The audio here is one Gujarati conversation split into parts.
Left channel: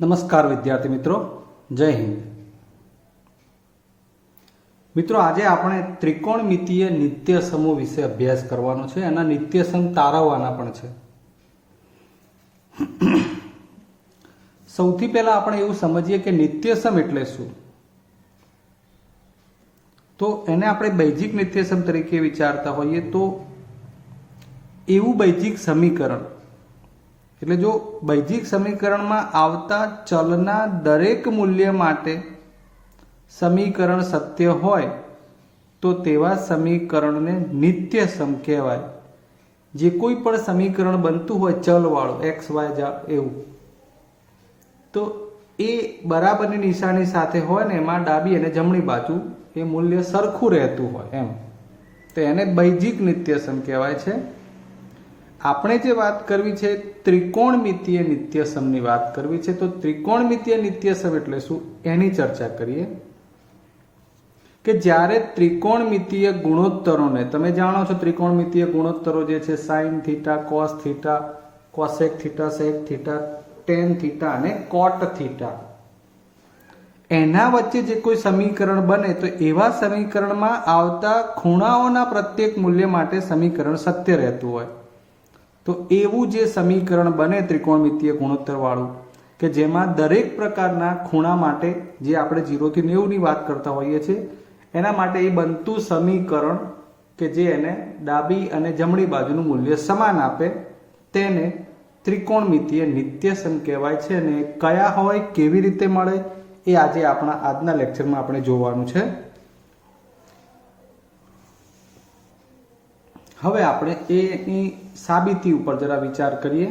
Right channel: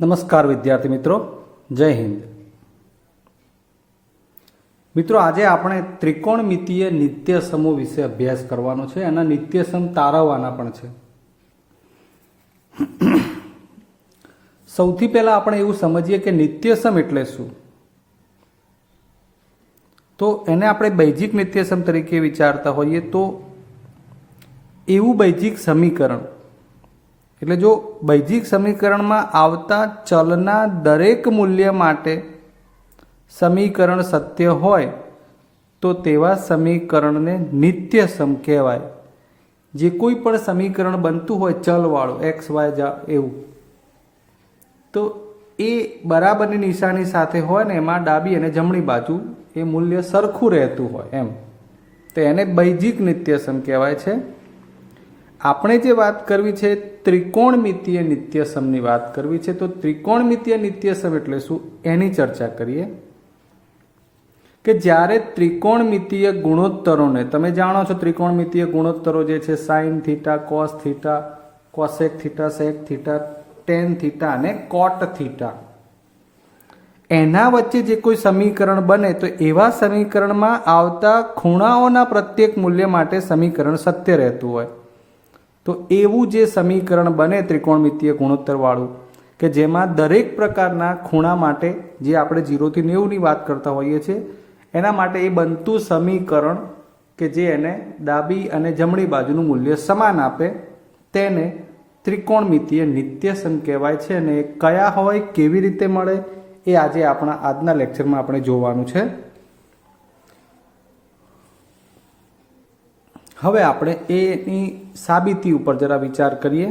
નમસ્કાર વિદ્યાર્થી મિત્રો, જય હિન્દ. મિત્રો, આજે આપણે ત્રિકોણમિતીય નિત્યસમો વિશે અભ્યાસ કરવાનો છે. અને નિત્યસમ તારવવાના પણ છે. સૌથી પહેલા આપણે એવું સમજીએ કે નિત્યસમ એટલે શું. તો એને આપણે બૈજિક નિત્યસમ તરીકે વિચારતા હોઈએ તો એવું બૈજિક સમીકરણ એટલે જો બૈજિક સમીકરણમાં આવતા ચલના દરેક મૂલ્ય માટે સમીકરણ સત્ય હોય તો તેવા સમીકરણને નિત્યસમ કહેવાય. જે કોઈ પણ સમીકરણ બનતું હોય ચલવાળું એક્સ વાય એવું, તો એ બરાબરની નિશાની સાથે હોય ને એમાં ડાબી અને જમણી બાજુ એ મૂલ્ય સરખું રહેતું હોય એમ, તો એને બૈજિક નિત્યસમ કહેવાય છે. આપણે જે વાત કરવી છે ત્રિકોણમિતીય નિત્યસમની વાત કરવી છે. તો ત્રિકોણમિતીય નિત્યસમ એટલે શું એની ચર્ચા કરીએ. કે જ્યારે ત્રિકોણમિતીય ગુણોત્તરોને, તમે જાણો છો ત્રિકોણમિતીય ગુણોત્તરો જે છે sine theta, cos theta, cosec theta, sec theta, tan theta અને કોટ થીટા, એના વચ્ચે જે કોઈ સમીકરણ બને તો એવા સમીકરણમાં આવતા ખૂણાઓના પ્રત્યેક મૂલ્ય માટે સમીકરણ સત્ય રહેતું હોય. તો એવું જે સમીકરણ બને ત્રિકોણમિતીય ગુણોત્તર વાળું, કે જેમાં દરેક પ્રકારના ખૂણા માટે, જે આપણે 0 થી 90ની વાત કરતા હોઈએ છીએ, એના માટે એ બનતું સમીકરણ કે જે એને ડાબી અને જમણી બાજુનું મૂલ્ય સમાન આપે, તેને ત્રિકોણમિતીય નિત્યસમ કહેવાય છે. અને કયા હોય, કેવી રીતે મળે, એ આજે આજના લેક્ચરમાં આપણે જોવાનું છે. હવે આપણે એની સાબિતી ઉપર જરા વિચાર કરીએ.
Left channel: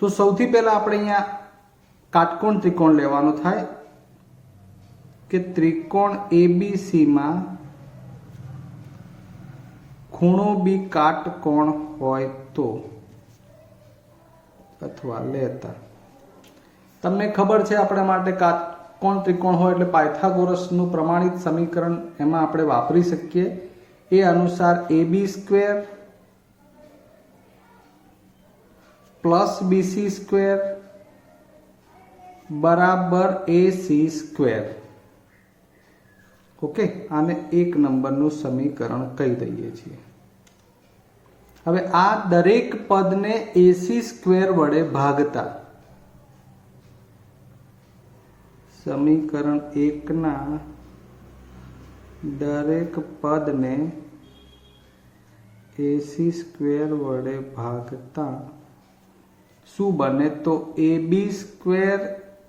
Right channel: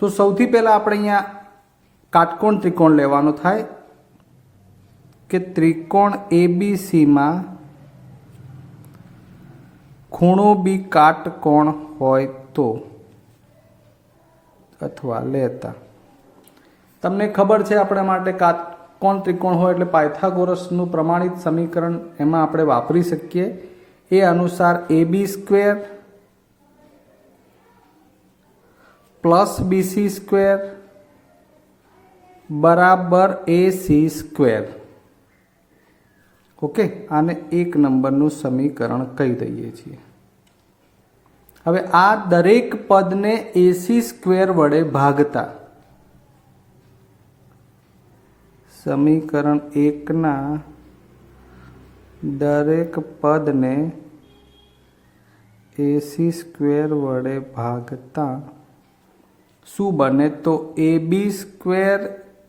તો સૌથી પહેલા આપણે અહીંયા કાટકોણ ત્રિકોણ લેવાનો થાય કે ત્રિકોણ એબીસીમાં ખૂણો બી કાટકોણ હોય તો, અથવા લેતા. તમને ખબર છે આપણા માટે કાટકોણ ત્રિકોણ હોય એટલે પાયથાગોરસનું પ્રમાણિત સમીકરણ એમાં આપણે વાપરી શકીએ. એ અનુસાર AB² પ્લસ BC² બરાબર AC². ઓકે, આને 1 નંબરનું સમીકરણ કહી દઈએ છીએ. હવે આ દરેક પદને AC² વડે ભાગતા સમીકરણ 1ના દરેક પદને AC² વડે ભાગતા શું બને, તો AB²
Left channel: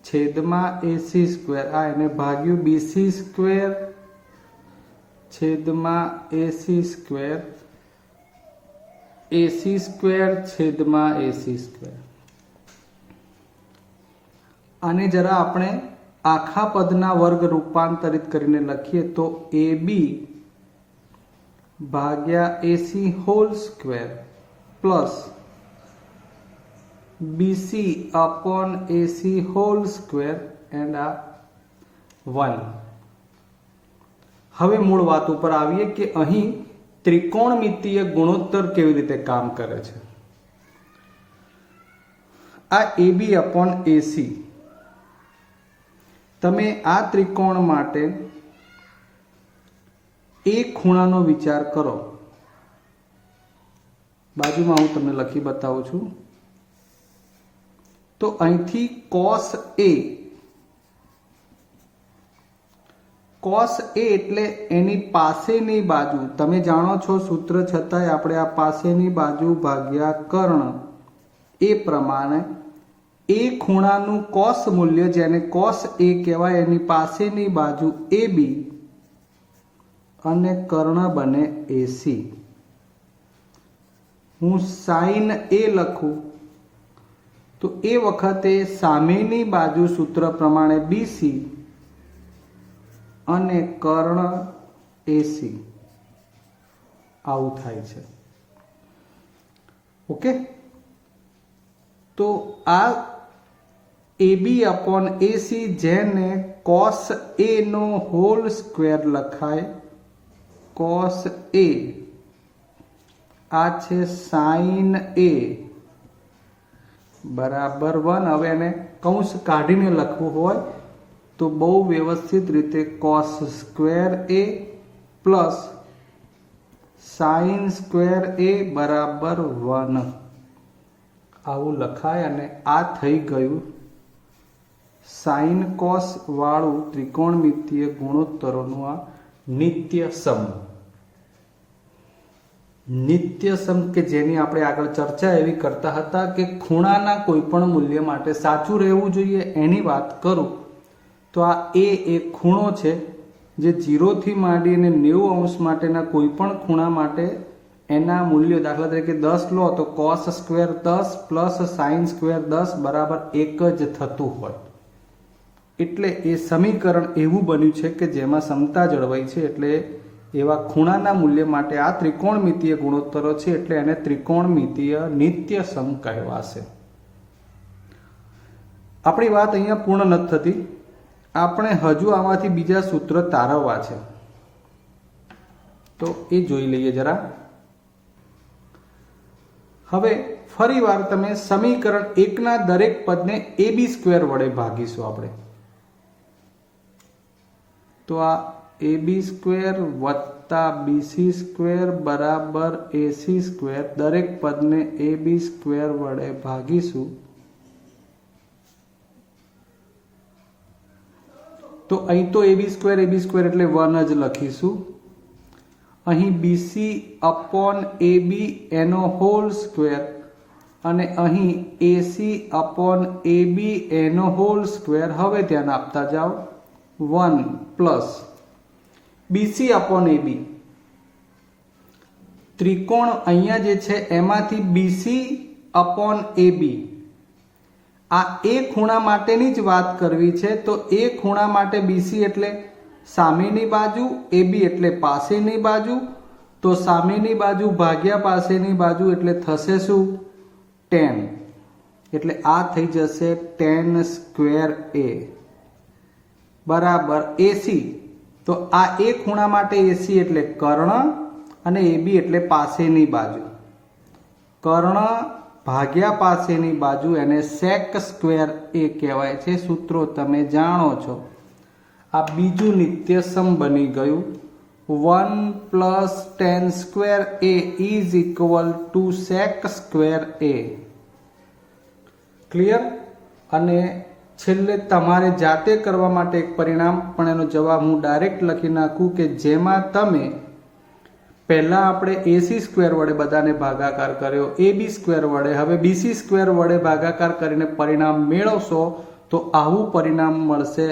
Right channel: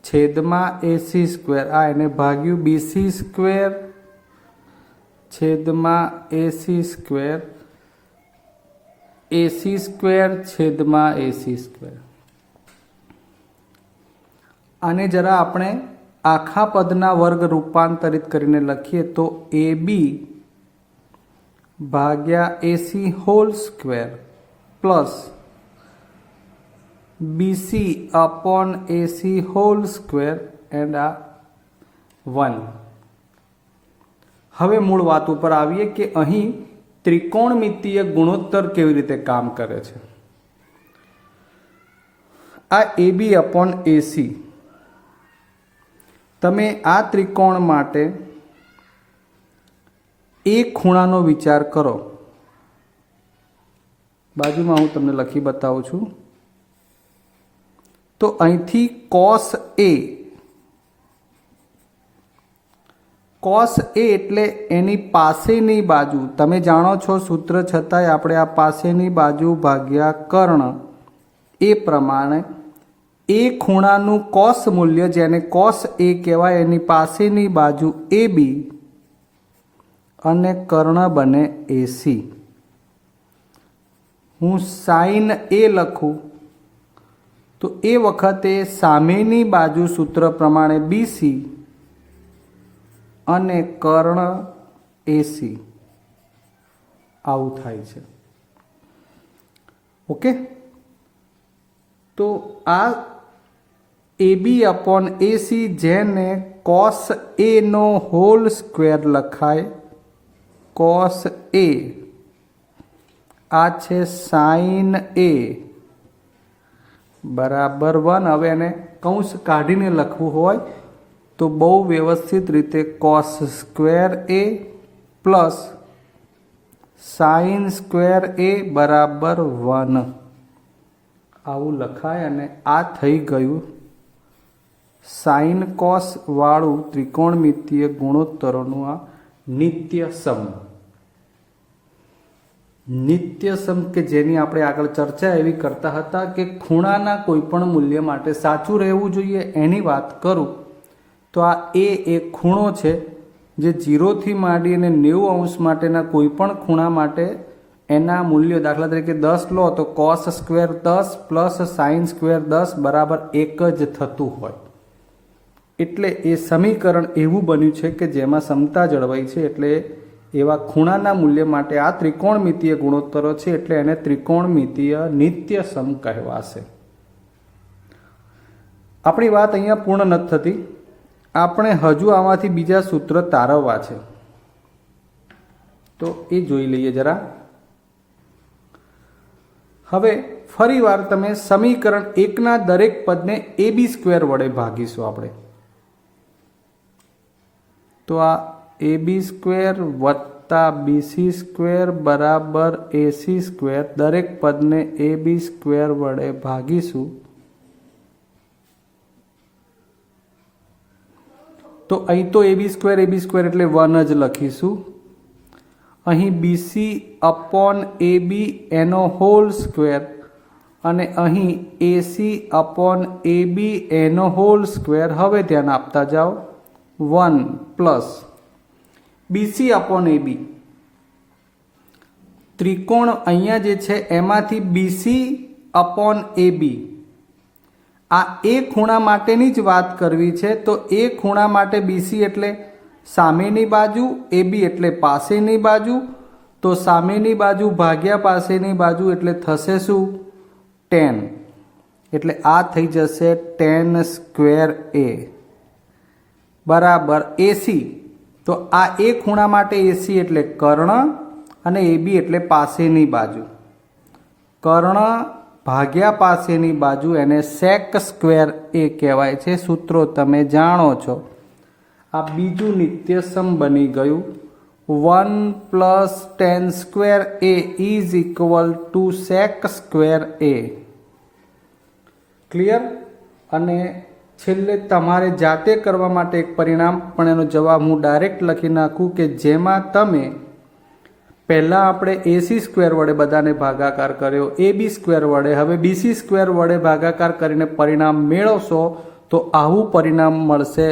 છેદમાં AC², આ એને ભાગ્યું BC² છેદમાં AC², AC² છેદમાં AC². આને જરા આપણે આખા પદના વર્ગ રૂપાંતરિત કરીને લખીએ તો AB ભાગ્યા AC² plus BC upon AC² and આ 1. હવે મૂળ વાત ઉપર આવીએ કે અહીં ત્રિકોણમિતીય ગુણોત્તર કેવી રીતે કામ કરે છે. આ AB અપોન AC, તમે આ ત્રિકોણ માટે એક ખૂણાનો વિચાર કરો. બાજુમાં હું તમને લખી બતાવું છું. તો અહીંથી cos A એટલે એની પાસેની બાજુ, તમે જાણો છો સૂત્ર છતાંય આપણે આ પાસેની બાજુ ભાગ્યા કર્ણ, એ પ્રમાણે એ ખૂણાનું કોસ મૂલ્ય, જેને cos A કહેવાય, એની પાસેની બાજુ AB અને કર્ણ બને AC. હું sin A લખું તો એ વખતે સામેની બાજુ સૂત્ર પ્રમાણે BC અને કર્ણ AC આવું થાય છે. ઓકે, તો આ AB અપોન AC, જેને cos A નો હોલ સ્ક્વેર લખાય, cos A, આ છે sin A બરાબર 1. હવે એને કૌંસ કાઢીને લખવું હોય તો બહુ વ્યવસ્થિત રીતે cos square a plus sine square a બરાબર 1 આવું લખાય અને આ થઈ ગયું સાઇન કોસ વાળું ત્રિકોણમિતીય ગુણોત્તરોનું આ નિત્યસમ. નિત્યસમ કે જેની આપણે આગળ ચર્ચા એવી કરતા હતા કે ખૂણાના કોઈ પણ મૂલ્ય માટે સાચું રહેવું જોઈએ એની વાત કરું તો આ એ એક ખૂણો છે જે 0 થી માંડીને 90 અંશ માટેના કોઈ પણ ખૂણા માટે એના મૂલ્યો દાખલા તરીકે 10 લો તો cos square 10 plus sine square 10 બરાબર 1 જ થતું હોય. એટલે એ સમીકરણ એવું બન્યું છે કે જેમાં સમતા જળવાઈ છે. એટલે એવા ખૂણાના મૂલ્ય માટે આ ત્રિકોણમિતીય ગુણોત્તરો છે એટલે એને ત્રિકોણમિતીય નિત્યસમ કહેવાશે. આપણી વાત અહીંયા પૂર્ણ નથી થતી. આપણે હજુ આમાંથી બીજા સૂત્ર તારવવા છે તો એ જોઈ લઈએ જરા. હવે ફરી વાર તમે સમીકરણ 1ના દરેક પદને ab સ્ક્વેર વડે ભાગીશું આપણે. તો આ ab સ્ક્વેર વત્તા bc સ્ક્વેર બરાબર ac સ્ક્વેર દરેક પદને ab સ્ક્વેર વડે ભાગીશું તો અહીં તો ab સ્ક્વેર એટલે 1 જ લખીશું. અહીં bc અપોન ab એનો હોલ સ્ક્વેર અને અહીં ac અપોન ab એનો હોલ સ્ક્વેર. હવે ધ્યાન આપતા જાઓ 1 પ્લસ bc અપોન ab ત્રિકોણ અહીંયા જે છે એમાંથી bc અપોન ab આ એ ખૂણા માટેની જ વાત કરવી છે તો એ ખૂણા માટે bc એટલે સામેની બાજુ, ab એટલે પાસેની બાજુ. તો સામેની બાજુ ભાગ્યા પાસેની બાજુ એટલે થશે શું? 10. એટલે આ થઈ જશે 10 સ્ક્વેર a બરાબર ac. તો આ એ ખૂણા માટે ac એટલે કર્ણ અને ab એટલે પાસેની બાજુ. કર્ણ ભાગ્યા પાસેની બાજુ એને સેક સ્ક્વેર a કહેવાય છે. સૂત્રો તમે જાણો છો. આ બીજું નિત્યસમ બની ગયું. 1 plus 10 square a is equal to sec square a. Clear? અને છેલ્લે તમારે જાતે કરવા માટે એક પરિણામ પણ એનો જવાબ હું ડાયરેક્ટ લખી નાખું કે જેમાં તમે પહેલાં આપણે ac સ્ક્વેર વડે બધાને ભાગાકાર કર્યો, ab સ્ક્વેર વડે, હવે bc સ્ક્વેર વડે ભાગાકાર કરીને પરિણામ મેળવશો તો આવું પરિણામ મળશે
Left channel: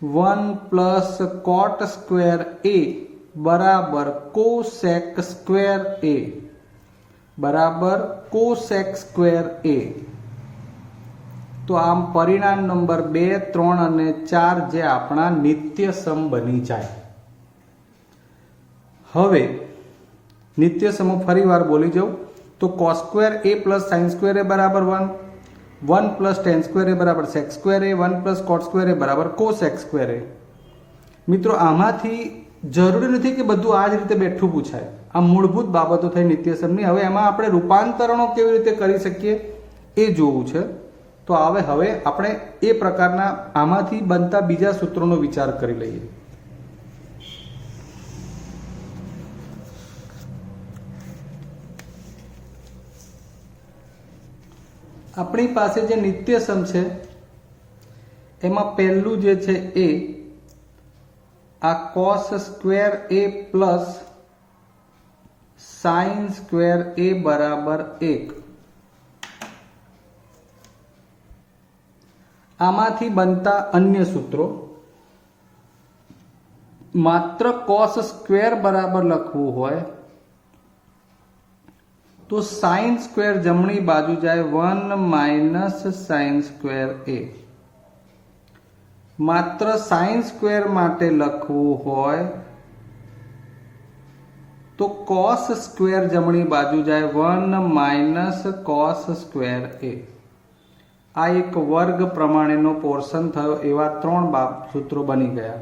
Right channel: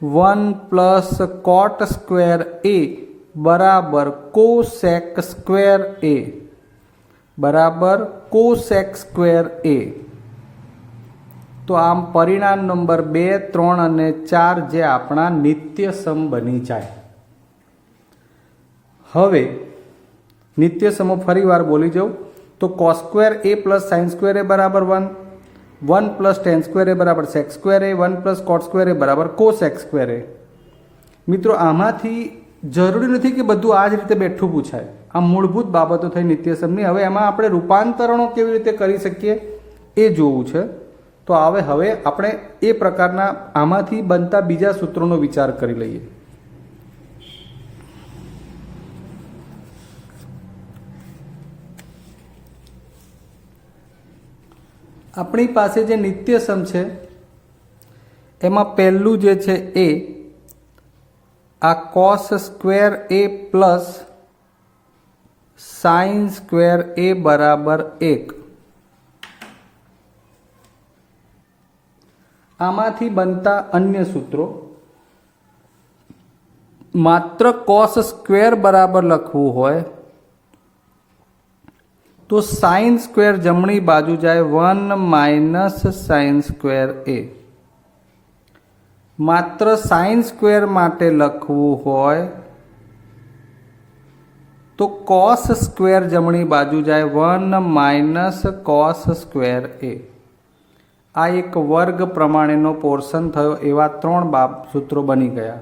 1 પ્લસ કોટ સ્ક્વેર a બરાબર કોસેક સ્ક્વેર a બરાબર કોસેક સ્ક્વેર a. તો આમ પરિણામ નંબર 2, 3 અને 4 જે આપણા નિત્યસમ બની જાય. હવે નિત્યસમો ફરી વાર બોલી જાઉં તો cos square a plus sine square a બરાબર 1, 1 પ્લસ ટેન સ્ક્વેર a બરાબર sec square a, 1 plus cot square a બરાબર કોસેક સ્ક્વેર a. મિત્રો આમાંથી જરૂરી નથી કે બધું આ જ રીતે બેઠું પૂછાય. આ મૂળભૂત બાબતો થઈ નિત્યસમની. હવે એમાં આપણે રૂપાંતરણો કેવી રીતે કરી શકીએ એ જોવું છે. તો હવે આપણે એ પ્રકારના આમાંથી બનતા બીજા સૂત્રોનો વિચાર કરી લઈએ. આપણી પાસે જે નિત્યસમ છે એમાં પહેલું જે છે એ આ cos square a plus sine square a બરાબર 1. આમાંથી બનતા અન્ય સૂત્રો માત્ર કોસ સ્ક્વેર બરાબર લખવું હોય તો સાઇન સ્ક્વેર જમણી બાજુ જાય 1 માઇનસ સાઇન સ્ક્વેર a. માત્ર સાઇન સ્ક્વેર માટે લખવું હોય તો કોસ સ્ક્વેર જમણી બાજુ જાય 1 માઇનસ કોસ સ્ક્વેર a. આ એક વર્ગ પ્રમાણેનો પોર્શન થયો. એવા 3 સૂત્રો બની ગયા.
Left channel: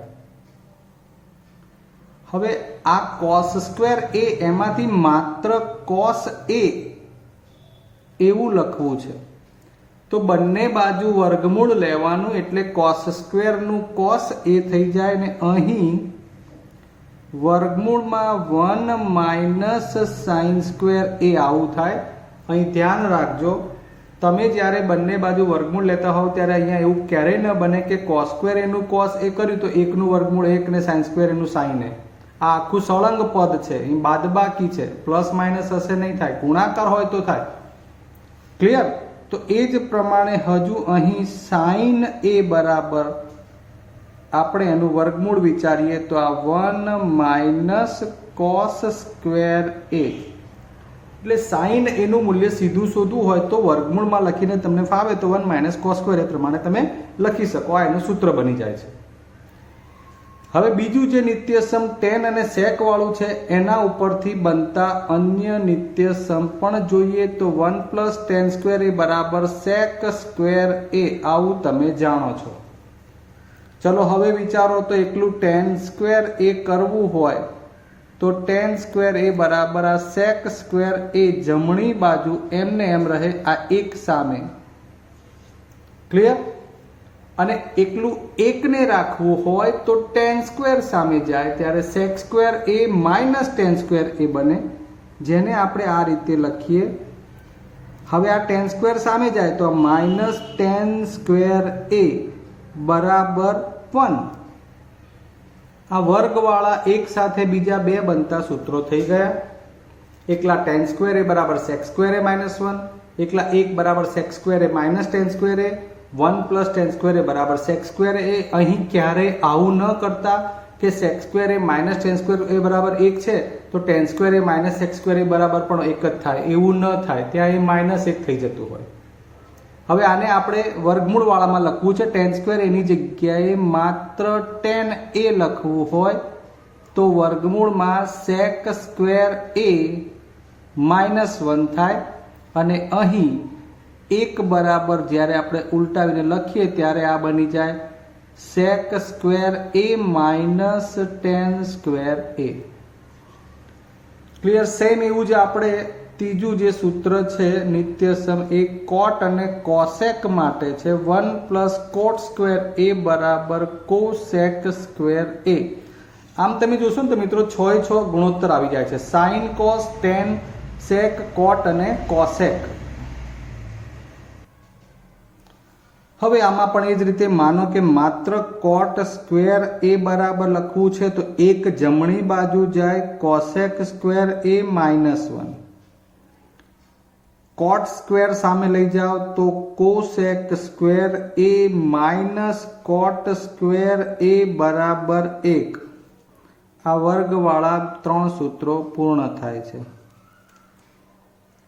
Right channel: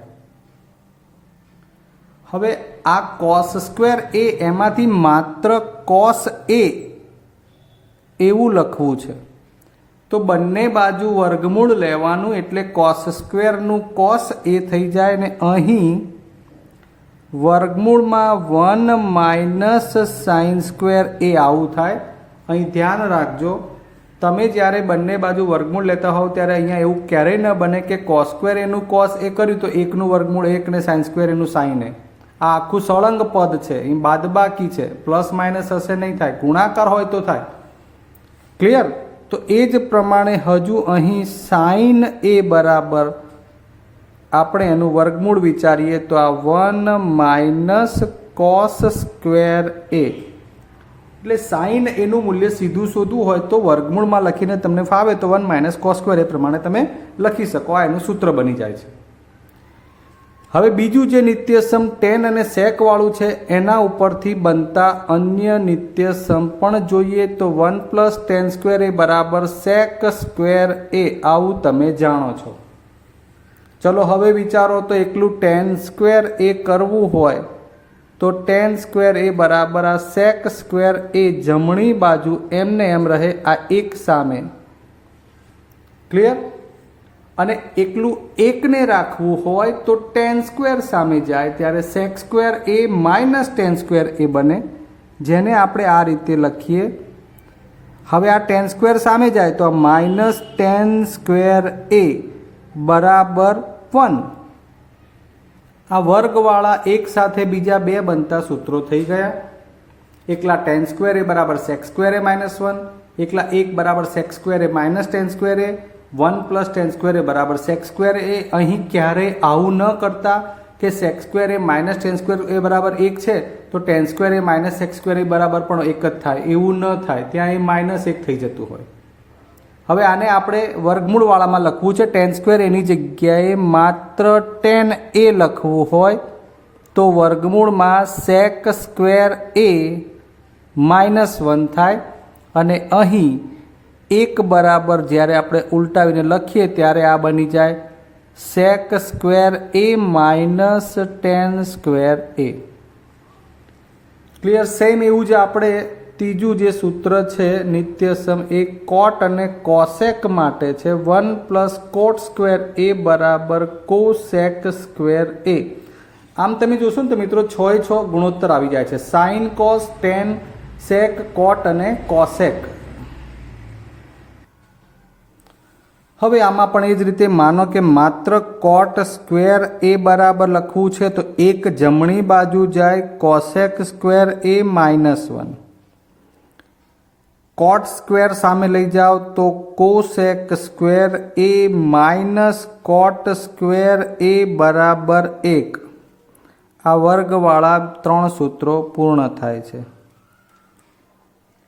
હવે આ કોસ સ્ક્વેર a એમાંથી માત્ર કોસ a એવું લખવું છે. તો બંને બાજુ વર્ગમૂળ લેવાનું, એટલે કોસ સ્ક્વેરનું કોસ એ થઈ જાય ને અહીં વર્ગમૂળમાં 1 માઇનસ સાઇન સ્ક્વેર એ આવું થાય. અહીં ધ્યાન રાખજો, તમે જ્યારે બંને બાજુ વર્ગમૂળ લેતા હોવ ત્યારે અહીંયા એવું ક્યારેય ન બને કે કોસ સ્ક્વેર એનું કોસ એ કર્યું તો એકનું વર્ગમૂળ એક ને સાઇન સ્ક્વેર એનું સાઇન એ. આ આખું સળંગ પદ છે, અહીં બાદબાકી છે, પ્લસ માઇનસ હશે નહીં થાય, ગુણાકાર હોય તો થાય. ક્લિયર? તો એ જ પ્રમાણે હજુ અહીં સાઇન એ બરાબર આપણે એનું વર્ગમૂળ વિચારીએ તો આ 1 માઇનસ કોસ સ્ક્વેર એ, એટલે સાઇન એનું મૂલ્ય સીધું શોધવું હોય તો વર્ગમૂળમાં લખીને તમને ફાવે તો 1 માઇનસ કોસ સ્ક્વેર એ પ્રમાણે તમે લખી શકો. આ એનું સૂત્ર બની જાય છે. હવે બીજું જે નિત્યસમ ટેન અને સેક વાળું છે એના ઉપરથી બનતા અન્ય નિત્યસમ પણ જોઈએ તો 1 પ્લસ ટેન સ્ક્વેર એ બરાબર સેક સ્ક્વેર એ, આવું તમે જાણો છો. ચલો હવે વિચારો તો એકલું ટેન સ્ક્વેર એ કરવું હોય તો ટેન સ્ક્વેર એ બરાબર આ સેક સ્ક્વેર એ જમણી બાજુ એમને એમ રહે આ એક સામે. ક્લિયર? અને એકલું એકને રાખવું હોય તો ટેન સ્ક્વેર સામે જાય ત્યારે સેક સ્ક્વેર એ માઇનસ ટેન સ્ક્વેર એ બને, જેને આપણે આ રીતે લખીએ. હવે આ ટેન સ્ક્વેર સામે જાય તો માઇનસ ટેન સ્ક્વેર એ બરાબર 1. આ વર્ગવાળા એક સાથે બીજા બે બનતા સૂત્રો થઈ ગયા. એકલા ટેન સ્ક્વેર એ બરાબર સેક સ્ક્વેર એ -1, એકલા એક બરાબર સેક સ્ક્વેર એ માઇનસ ટેન સ્ક્વેર એ, 1 પ્લસ ટેન સ્ક્વેર એ બરાબર સેક સ્ક્વેર એ. અહીં ક્યારેય આવું ન કરતા કે સેક સ્ક્વેર એ માઇનસ ટેન સ્ક્વેર એ બરાબર 1 છે તો ટેન સ્ક્વેર એ માઇનસ સેક સ્ક્વેર એ બરાબર પણ 1 જ થાય, એવું ન થાય. ત્યાં એ -1 થઈ જતું હોય. હવે આને આપણે વર્ગમૂળવાળામાં લખવું છે. ટેન સ્ક્વેર એની જગ્યાએ માત્ર ટેન એ લખવું હોય તો વર્ગમૂળમાં સેક સ્ક્વેર એ -1 થાય. અને અહીં એક બરાબર જ્યારે આપણે ઉલટાવીને લખીએ ત્યારે આ બની જાય સેક સ્ક્વેર એ માઇનસ ટેન સ્ક્વેર એ. ક્લિયર? સેમ એવું જ આપણે ત્રીજું જે સૂત્ર છે નિત્યસમ એ કોટ અને કોસેક માટે છે. 1 પ્લસ કોટ સ્ક્વેર એ બરાબર કોસેક સ્ક્વેર એ. આમ તમે જોશો ને તો મિત્રો 6 ગુણોત્તર આવી જાય છે. સાઇન, કોસ, ટેન, સેક, કોટ અને કોસેક. હવે આમાં પણ એ જ રીતે માનો કે માત્ર કોટ સ્ક્વેર એ બરાબર લખવું છે તો એક જમણી બાજુ જાય કોસેક સ્ક્વેર એ -1. કોટ સ્ક્વેર સામે લઈ જાઓ તો કોસેક સ્ક્વેર એ માઇનસ કોટ સ્ક્વેર એ બરાબર 1. આ વર્ગવાળા 3 સૂત્રો પૂર્ણ થાય છે.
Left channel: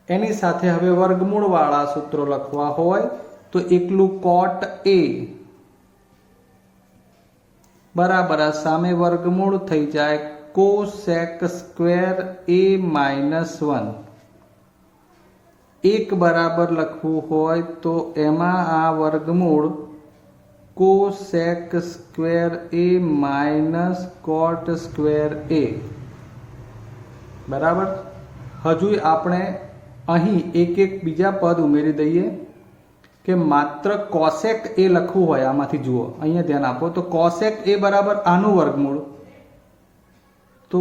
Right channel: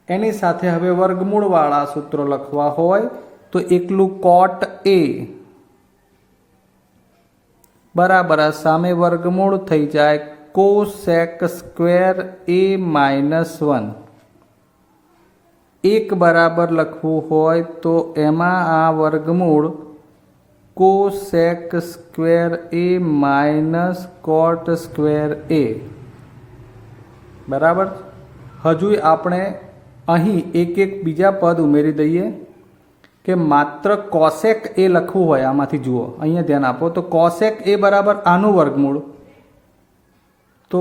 એની સાથે હવે વર્ગમૂળવાળા સૂત્રો લખવા હોય તો એકલું કોટ એ બરાબર સામે વર્ગમૂળ થઈ જાય કોસેક સ્ક્વેર એ -1. એક બરાબર લખવું હોય તો એમાં આ વર્ગમૂળ કોસેક સ્ક્વેર એ માઇનસ કોટ સ્ક્વેર એ બરાબર. હજુ આપણે અહીં એક બીજા પદ ઉમેરી દઈએ કે માત્ર કોસેક એ લખવું હોય આમાંથી જુઓ, અહીંયા ધ્યાન આપો તો કોસેક એ બરાબર આનું વર્ગમૂળ, તો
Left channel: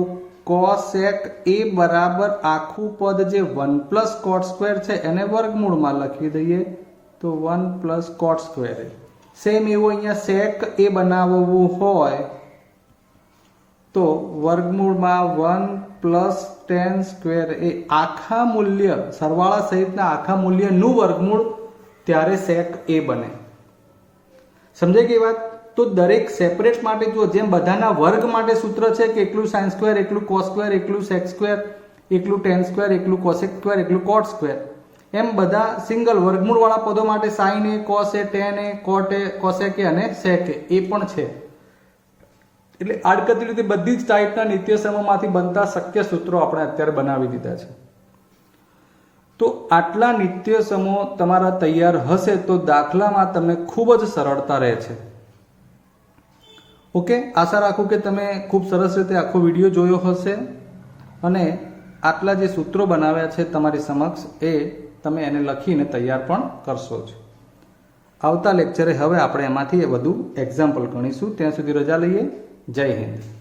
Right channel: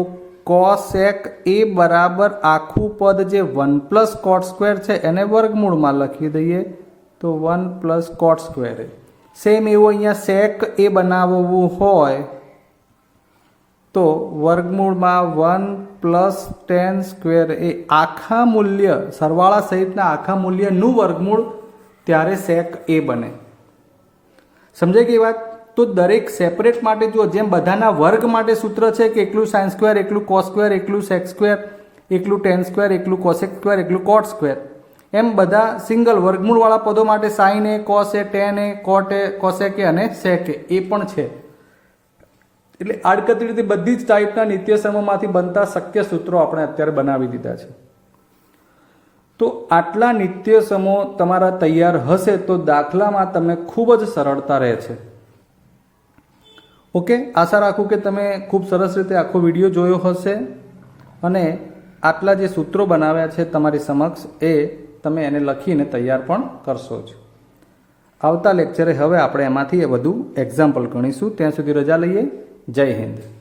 કોસેક એ બરાબર આખું પદ જે 1 પ્લસ કોટ સ્ક્વેર છે એને વર્ગમૂળમાં લખી દઈએ તો 1 પ્લસ કોટ સ્ક્વેર. સેમ એવું અહીંયા સેક એ બનાવવું હોય તો વર્ગમૂળમાં 1 પ્લસ ટેન સ્ક્વેર એ આખા મૂલ્ય સરવાળા સહિતના આખા મૂલ્યનું વર્ગમૂળ ત્યારે સેક એ બને. સમજાય ગઈ વાત? તો દરેક સેપરેટ માટે જો જેમ બધાના વર્ગ માટે સૂત્ર છે કે એકલું સાઇન સ્ક્વેર, એકલું કોસ સ્ક્વેર, એકલું સેક સ્ક્વેર, એકલું ટેન સ્ક્વેર, એકલું કોસેક સ્ક્વેર, એકલું કોટ સ્ક્વેર, એમ બધા સિંગલ વર્ગમૂળવાળા પદો માટે sine A, cos A, tan A, cot A, cosec A અને સેક એ પણ છે. એટલે આડકતરી રીતે બધી જ ટાઈપના નિત્યસમોમાંથી બનતા શક્ય સૂત્રો આપણે અત્યારે બનાવી દીધા છે. તો આટલા નિત્યસમો તમારા તૈયાર હશે તો દાખલામાં તમે ખૂબ જ સરળતા રહે છે. ઓકે, આશા રાખું કે તમે ખૂબ સરસ રીતે આખો વિડીયો જોયો હશે અને આટલા જે સૂત્રો બનાવ્યા છે તમારી સમક્ષ એ તમે એને લખીને તૈયાર પણ કરશો જ. આવતા લેક્ચરે હવે આપણે એમાંથી વધુ એક્ઝામ્પલ ગણીશું. ત્યાં સુધી રજા લઈએ. જય હિન્દ.